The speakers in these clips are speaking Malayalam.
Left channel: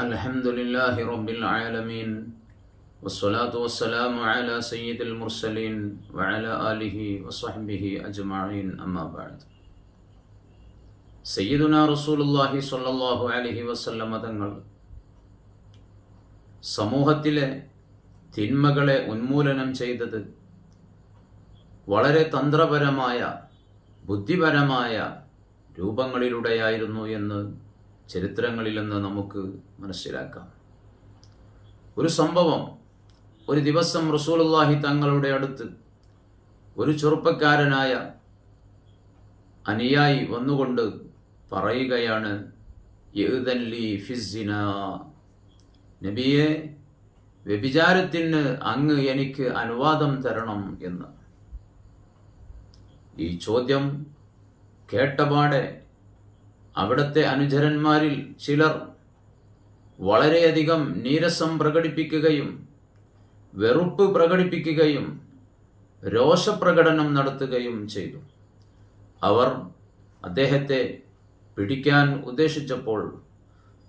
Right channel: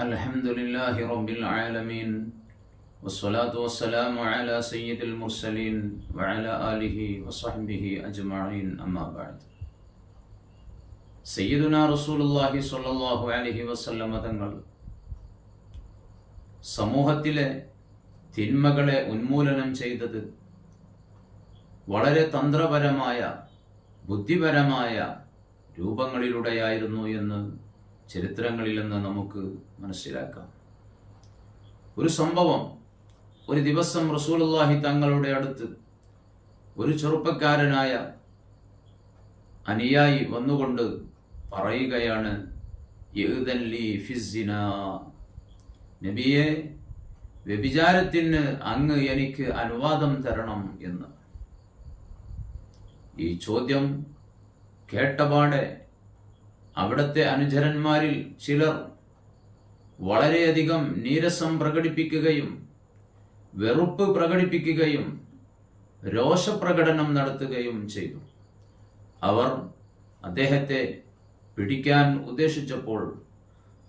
الحمد لله رب العالمين والصلاة والسلام على سيد المرسلين وعلى آله وصحبه أجمعين أما بعد സയ്യിദുന റസൂലുള്ളാഹി സ്വല്ലല്ലാഹു അലൈഹി വസല്ലമ തങ്ങൾ സമൂഹത്തിലെ തിന്മകളെ ഉന്മൂലനം ചെയ്തത് വളരെ തന്ത്രപരമായ ബുദ്ധിപരമായ രൂപങ്ങളിലൂടെയായിരുന്നു എന്ന് ചരിത്രങ്ങളിൽ നിന്ന് നമുക്ക് മനസ്സിലാക്കാം. ഒരു സംഭവം ഒരു ദിവസം റസൂലുള്ളാഹി തങ്ങളുടെ അടുത്ത് ഒരു ചെറുപ്പക്കാരനായ അനുയായി വന്നുകൊണ്ട് പറയുകയാണ് "ഇഅ്ദൻ ലീ നബിയെ വ്യഭിചാരത്തിന് അങ്ങ് എനിക്ക് അനുവാദം തരണം എന്ന്. ഈ ചോദ്യം കേട്ടപാടെ അവിടുത്തെ അനുചരന്മാരിൽ ചിലർ വളരെയധികം നീരസം പ്രകടിപ്പിക്കുകയും വെറുപ്പ് പ്രകടിപ്പിക്കുകയും രോഷപ്രകടനം നടത്തുകയും ചെയ്തു. അവർ അദ്ദേഹത്തെ പിടിക്കാൻ ഉദ്ദേശിച്ചപ്പോൾ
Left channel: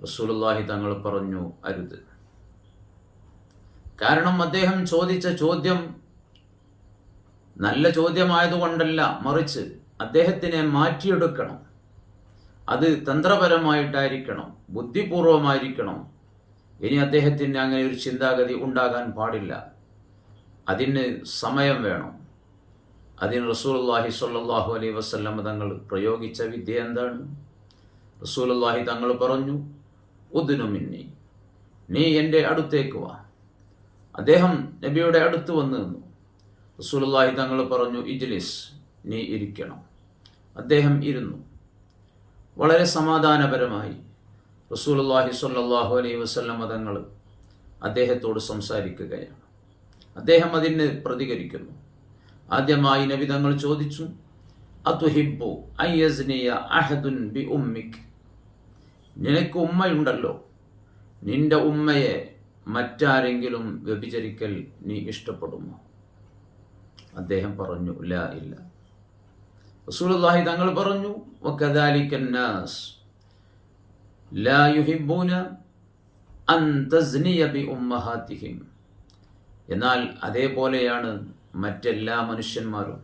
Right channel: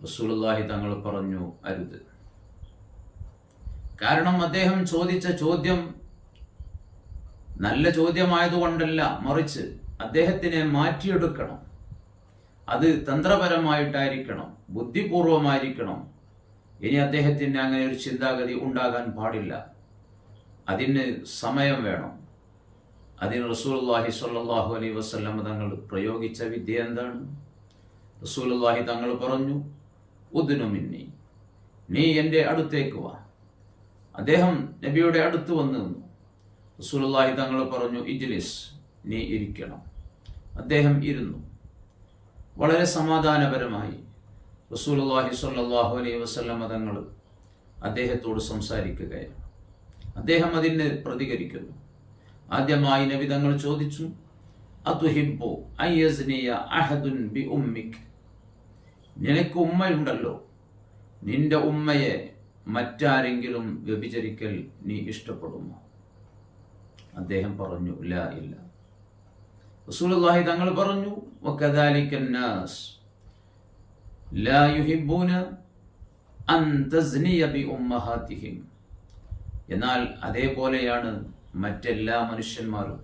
റസൂലുള്ളാഹി തങ്ങൾ പറഞ്ഞു അരുത്. കാരണം അദ്ദേഹം ചോദിച്ച ചോദ്യം നല്ല ചോദ്യമായതുകൊണ്ടല്ല മറിച്ച് അദ്ദേഹത്തിനെ മാറ്റിയെടുക്കണം. അത് തന്ത്രപരമായിട്ടായിരിക്കണം ബുദ്ധിപൂർവമായിരിക്കണം. ഇനി അദ്ദേഹത്തിന് അങ്ങനെ ഒരു ചിന്താഗതി ഉണ്ടാകാൻ പാടില്ല. അതിന് സമയം വേണം. അതിന് റസൂലുള്ളാഹി സ്വല്ലല്ലാഹു അലൈ വസല്ലം തങ്ങൾ പ്രയോഗിച്ച വിദ്യ എന്താണ്? റസൂലുള്ളാഹി തങ്ങൾ പറഞ്ഞു ഉദ്നു മിന്നി നീ എന്റെ അടുത്തേക്ക് വാ. അദ്ദേഹം നബിയുടെ അടുത്ത് വന്നു നിന്നു. റസൂലുള്ളാഹി തങ്ങൾ പറഞ്ഞു ഇജ്ലിസ് നീ ഇരിക്കണം. അദ്ദേഹം ഇരുന്നു. വളരെ സമാധാനപരമായി റസൂലുള്ളാഹി സ്വല്ലല്ലാഹു അലൈഹി വസല്ലം തങ്ങൾ അദ്ദേഹത്തോട് സംസാരിക്കുകയാണ്. അദ്ദേഹം അതിന് പ്രതികരിക്കുന്നു. ആദ്യമായി നബി തങ്ങൾ ചോദിച്ചു അതുഹിബു അഹദുൻ ബി ഉമ്മിക്? നിനക്ക് ഉമ്മയുണ്ടല്ലോ. നിന്റെ ഉമ്മയെ മറ്റാരെങ്കിലും വ്യഭിചരിക്കൽ നീ ഇഷ്ടപ്പെടുമോ? അദ്ദേഹം പറഞ്ഞു ലാ ഇല്ല. റസൂലുള്ളാഹി തങ്ങൾ പറഞ്ഞു വകദാലിക്കന്നാസ് ലാ യുഹിബ്ബൂന അൻ തസ്നിയ ബി ഉമ്മഹാതിഹിം എന്നാൽ അതേപോലെയാണ് മറ്റെല്ലാ മനുഷ്യന്മാരും.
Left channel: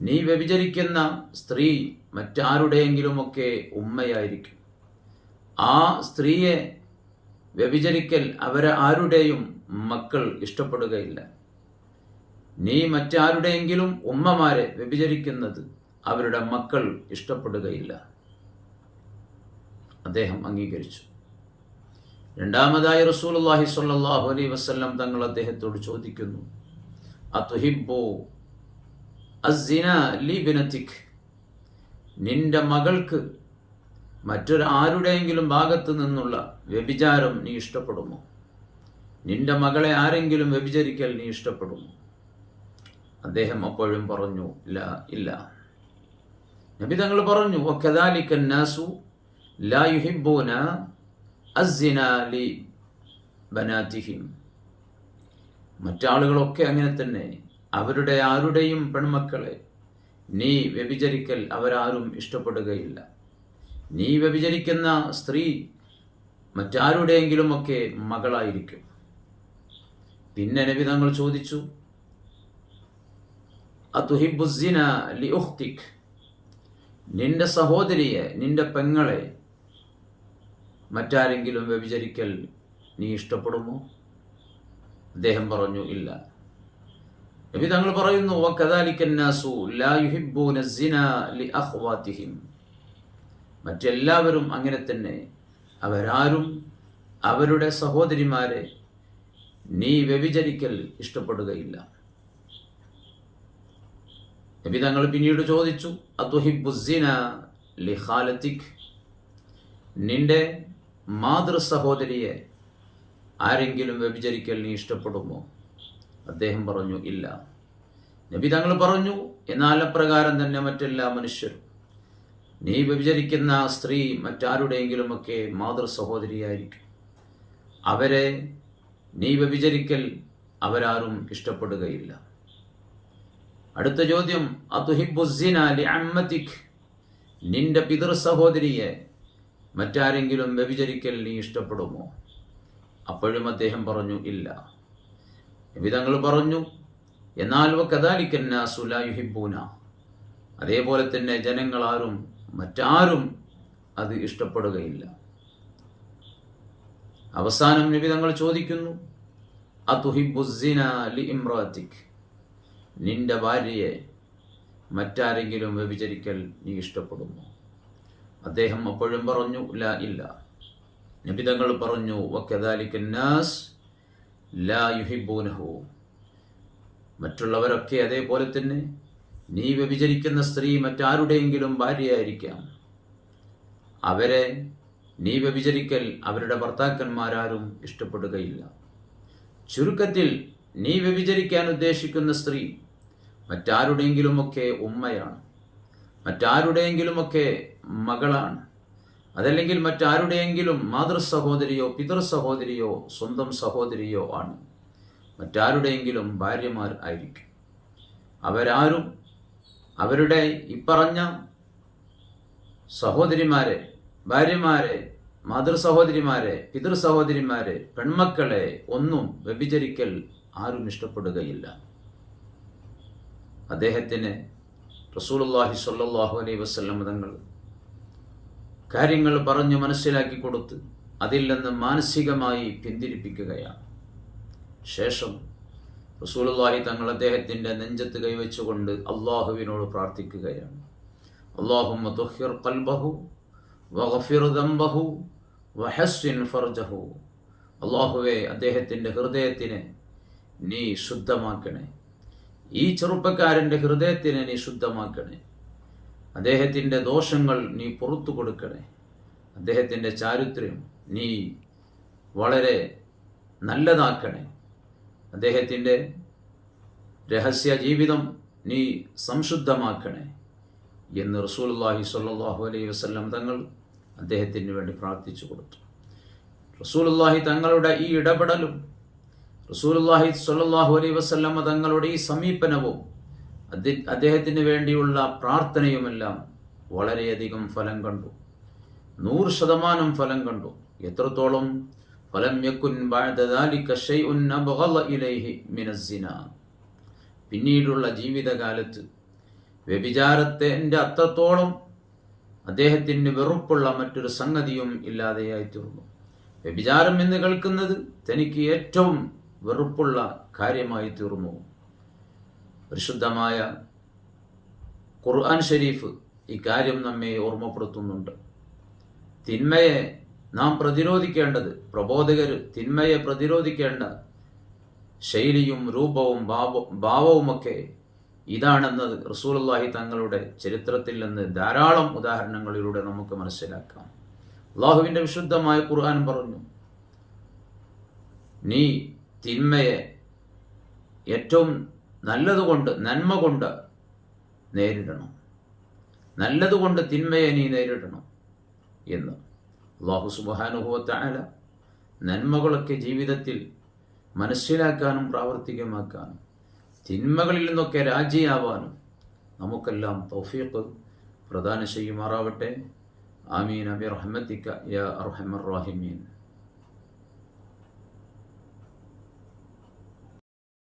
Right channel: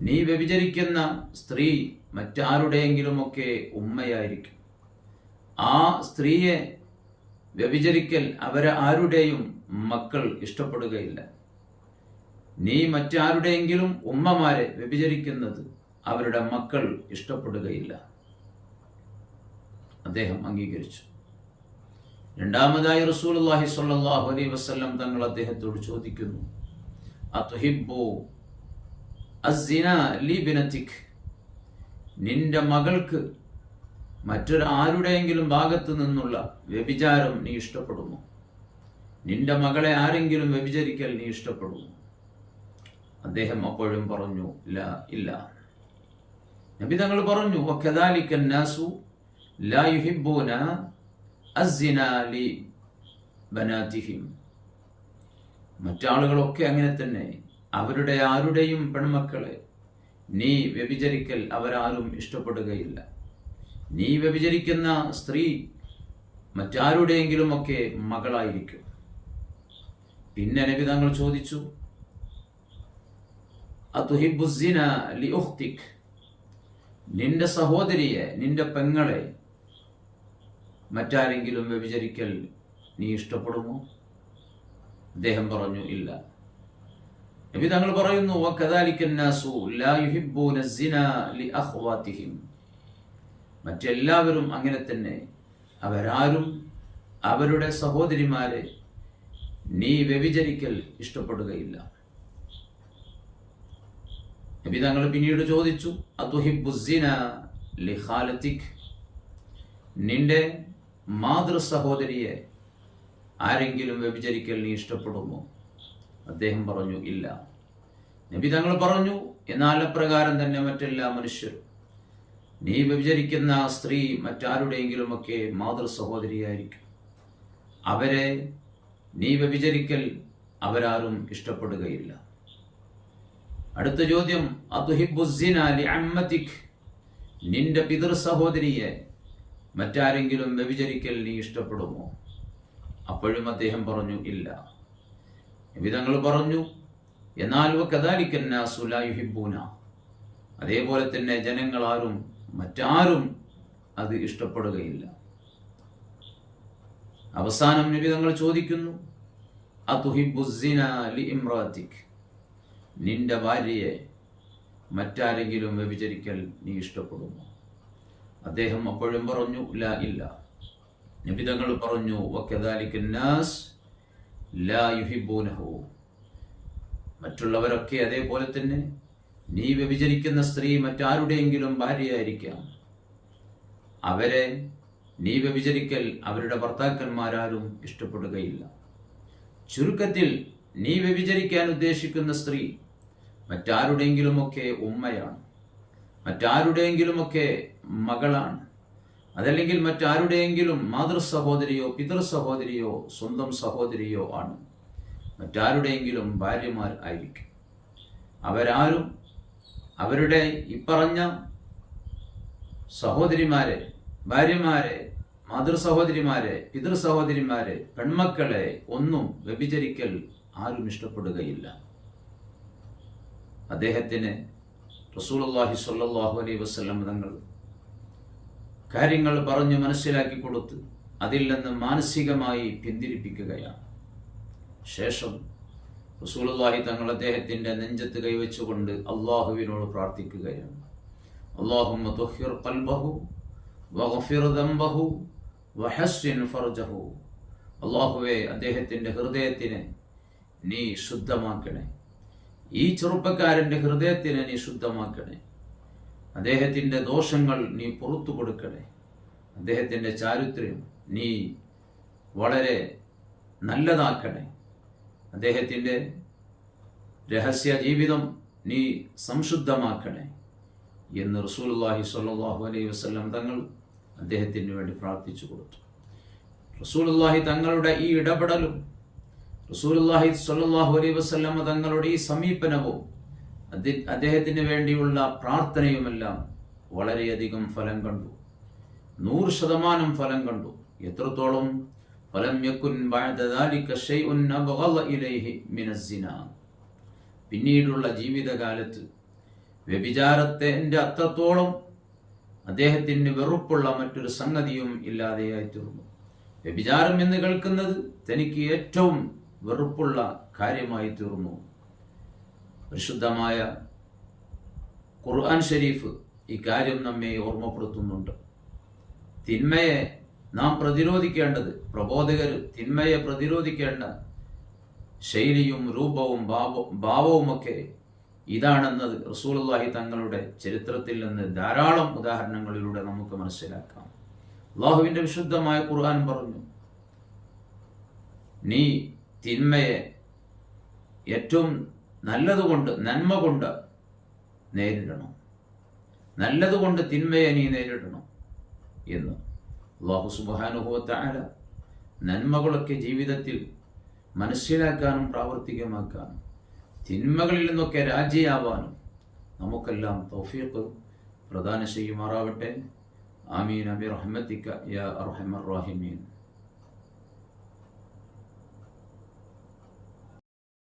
നീ വ്യഭിചരിക്കുന്ന സ്ത്രീ മറ്റാരുടെയെങ്കിലുമൊക്കെ ഉമ്മയായിരിക്കും. ആ സ്ത്രീയെ വ്യഭിചരിക്കൽ അവരെ ആരുടെയും മക്കൾ ഇഷ്ടപ്പെടുകയില്ല. നീ മറ്റാരുടെയെങ്കിലും ഉമ്മമാരെ വ്യഭിചരിക്കുന്നത് അവരുടെ മക്കൾ ഇഷ്ടപ്പെടുകയില്ല. അദ്ദേഹം അംഗീകരിച്ചു. രണ്ടാമതായി റസൂലുള്ളാഹി സ്വല്ലല്ലാഹു അലൈഹി വസല്ലം തങ്ങൾ അദ്ദേഹത്തോട് ചോദിക്കുന്നു നിന്റെ മകൾക്ക് മറ്റൊരു ആരുടെയെങ്കിലും ഭാഗത്തു നിന്നുള്ള വ്യഭിചാരം നീ ഇഷ്ടപ്പെടുമോ? നിന്റെ മകളെ ആരെങ്കിലും വ്യഭിചരിക്കൽ നീ ഇഷ്ടപ്പെടുമോ? അദ്ദേഹം അപ്പോഴും പറഞ്ഞു ഇല്ല ഇല്ല. നബി തങ്ങൾ പറഞ്ഞു നാസു ലാ യുഹിബ്ബൂന അസ്സിന ലി ബനാതിഹിം. മറ്റാളുകളൊക്കെ അങ്ങനെ തന്നെ. അവരുടെ ആരുടെയും പെൺമക്കളെ നീ വ്യഭിചരിക്കൽ അവരാരും ഇഷ്ടപ്പെടുകയില്ല. നീ വ്യഭിചരിക്കുന്ന സ്ത്രീ മറ്റാരുടെയെങ്കിലുമൊക്കെ മകളായിരിക്കും. പിന്നെ നബി തങ്ങൾ ചോദിച്ചു അതുഹിബുസിന ലി ഉഖ്തിക്. നിന്റെ സഹോദരിയെ നിന്റെ പെങ്ങളെ മറ്റാരെങ്കിലും വ്യഭിചരിക്കൽ നീ ഇഷ്ടപ്പെടുമോ? അദ്ദേഹം പറഞ്ഞു ഇല്ല. നബി തങ്ങൾ പറയുന്നു മറ്റെല്ലാവരും അങ്ങനെ തന്നെ. അവരാരും അവരുടെ സഹോദരിമാരെ നീ വ്യഭിചരിക്കൽ ഇഷ്ടപ്പെടുകയില്ല. നബി തങ്ങൾ പിന്നീട് ചോദിച്ചു നിന്റെ മാതൃ സഹോദരിയെ ആരെങ്കിലും വ്യഭിചരിക്കൽ നീ ഇഷ്ടപ്പെടുമോ? അദ്ദേഹം പറഞ്ഞു ഇല്ല. നബി തങ്ങൾ പറഞ്ഞു എന്നാൽ അപ്രകാരം തന്നെ മറ്റെല്ലാ മനുഷ്യരും. നീ വ്യഭിചരിക്കുന്ന സ്ത്രീ മറ്റാരുടെയെങ്കിലുമൊക്കെ മാതൃ സഹോദരിയായിരിക്കും അവരെ നീ വ്യഭിചരിക്കൽ അവരാരും ഇഷ്ടപ്പെടുകയില്ല. അടുത്ത ചോദ്യം അതുഹിബുസിന ലി അമ്മത്തിക് നിന്റെ പിതൃ സഹോദരിയെ മറ്റാരെങ്കിലും വ്യഭിചരിക്കൽ നീ ഇഷ്ടപ്പെടുമോ? അപ്പോഴും അദ്ദേഹം പറഞ്ഞു ഇല്ല. വിധങ്ങൾ പറഞ്ഞു എന്നാൽ കഥാലിക്കന്നാസുലായുഹിബൂന അതേപോലെ തന്നെ ജനങ്ങളാരും മറ്റാരും അത് ഇഷ്ടപ്പെടുകയില്ല. അവസാനം നിബിതങ്ങൾ ചോദിക്കുന്നു അതുഹിബുസിന ലി ഇമ്രാത്തിക് നിന്റെ ഭാര്യയെ മറ്റാരെങ്കിലും വ്യഭിചരിക്കൽ നീ ഇഷ്ടപ്പെടുമോ? അദ്ദേഹം അപ്പോഴും പറഞ്ഞു ല ഇല്ല. നിബിതങ്ങൾ പറഞ്ഞു വക്കദാലിക്കന്നാസ് ലാ യുഹിബൂനഹു. മറ്റുള്ളവരൊക്കെ അതേപോലെ തന്നെ നീ വ്യഭിചരിക്കുന്ന സ്ത്രീ മറ്റാരുടെയെങ്കിലും ഭാര്യയായിരിക്കാം. അവരെ നീ വ്യഭിചരിക്കൽ അവരുടെ ഭർത്താക്കന്മാരാരും ഇഷ്ടപ്പെടുകയില്ല. ചുരുക്കത്തിൽ നീ വ്യഭിചരിക്കാൻ ഉദ്ദേശിക്കുന്ന സ്ത്രീ മറ്റാരുടെയെങ്കിലുമൊക്കെ ഉമ്മയാണ്. മറ്റാരുടെയെങ്കിലുമൊക്കെ മകളാണ്. അതല്ലെങ്കിൽ മറ്റാരുടെയെങ്കിലും മാതൃ സഹോദരിയോ പിതൃ സഹോദരിയോ സ്വന്തം സഹോദരിയോ ആണ്. മറ്റാരുടെയെങ്കിലും ഭാര്യമാർ ആയിരിക്കും. അവരാരും അവരുടെ ഇപ്പറഞ്ഞ സഹോദരിമാരെ ഭാര്യമാരെ മാതൃ സഹോദരിമാരെ പിതൃ സഹോദരിമാരെ പെൺമക്കളെ ഒന്നും വ്യഭിചരിക്കൽ ആരും ഇഷ്ടപ്പെടുകയില്ല. അദ്ദേഹത്തിന് റസൂലുള്ളാഹി സ്വല്ലല്ലാഹു അലൈഹി വസല്ലം തങ്ങൾ കാര്യങ്ങൾ പറഞ്ഞ് മനസ്സിലാക്കി കൊടുത്ത് അതിൽ നിന്ന് മാനസികമായി പിന്തിരിപ്പിക്കുകയാണ്. ശേഷം റസൂലുള്ളാഹി തങ്ങൾ അദ്ദേഹത്തിന്റെ നെഞ്ചത്ത് കൈവച്ചുകൊണ്ട് അള്ളാഹുവിനോട് പ്രാർത്ഥിക്കുകയാണ്. അള്ളാഹുമ്മ വഗഫിർ ഫർജഹു. അള്ളാഹുവെ അദ്ദേഹത്തിന്റെ ഹൃദയത്തിനെ നീ ശുദ്ധമാക്കണേ. ഈ ചെറുപ്പക്കാരന്റെ ഹൃദയത്തിനെ നീ ശുദ്ധമാക്കണേ. അദ്ദേഹത്തിന്റെ ദോഷങ്ങൾ നീ പുറത്തു കൊടുക്കണേ. അദ്ദേഹത്തിന്റെ ചാരിത്രം നീ വളരെ നല്ലതാക്കണേ. അദ്ദേഹത്തിന്റെ രഹസ്യ ജീവിതം നീ സംശുദ്ധമാക്കണേ എന്ന് റസൂലുള്ളാഹി സ്വല്ലല്ലാഹു അലൈഹി വസല്ലം തങ്ങൾ അദ്ദേഹത്തിന് വേണ്ടി പ്രാർത്ഥിച്ചു കൊടുത്തു. റസൂലുള്ളാഹി തങ്ങളുടെ ഈ ഇടപെടലും റസൂലുള്ളാഹി സ്വല്ലല്ലാഹു അലൈഹി വസല്ലം തങ്ങളുടെ ഈ സമീപനവും അദ്ദേഹത്തിന് വേണ്ടിയുള്ള പ്രാർത്ഥനയുമെല്ലാം വളരെയധികം ഫലം കണ്ടു. നൂറ് ശതമാനം ഫലം കണ്ടു. എത്രത്തോളം? ഫലം യക്കുൻ പിന്നീടുള്ള ജീവിതകാലത്ത് വ്യഭിചാരത്തിന്റെ അത്രത്തോളം അദ്ദേഹത്തിന് വെറുപ്പുള്ള മറ്റൊരു സംഗതിയും ഇല്ലാതെയായി തീർന്നു. വ്യഭിചാരം എന്ന് കേൾക്കുന്നത് തനിക്ക് ഏറ്റവും വെറുപ്പുള്ള കാര്യമായി തീർന്നു. പരിശുദ്ധമായ ഖുർആൻ ഷരീഫ് ഈ കാര്യം നമ്മെ ഓർമ്മപ്പെടുത്തുന്നുണ്ട്. തിന്മയെ നാം പ്രതിരോധിക്കേണ്ടത് പ്രബോധകർ തിന്മയെ പ്രതിരോധിക്കേണ്ട ശൈലിയും രൂപവും ഭാവ ഭാവവുമൊക്കെ ഇതാണെന്നത് റസൂലുള്ളാഹി തങ്ങളുടെ ചരിത്രത്തിൽ നിന്ന് ധാരാളം ഉദാഹരണങ്ങളിലൂടെ നമുക്ക് മനസ്സിലാക്കാം. അള്ളാഹുവിന്റെ വിശുദ്ധമായ ഖുർആൻ പറഞ്ഞു നീ തിന്മയെ ഏറ്റവും നല്ലതുകൊണ്ട് നന്മ കൊണ്ട് നേരിടണം. നല്ലതുകൊണ്ട് തിന്മയെ നീ നേരിടണം എന്ന്. അള്ളാഹു സുബാനുഭവത്തായ നന്മകളൊക്കെ ജീവിതത്തിൽ മനസ്സിലാക്കാനും പ്രാവർത്തികമാക്കാനും തിന്മകളിൽ നിന്നൊക്കെ രാജിയാവാനും നമുക്കെല്ലാം തൗഫീഖ് പ്രദാനം ചെയ്യുമാറാവട്ടെ. ആമീൻ. അബി റഹ്മത്തിക്ക. യാ അർഹമർ റാഹിമീൻ.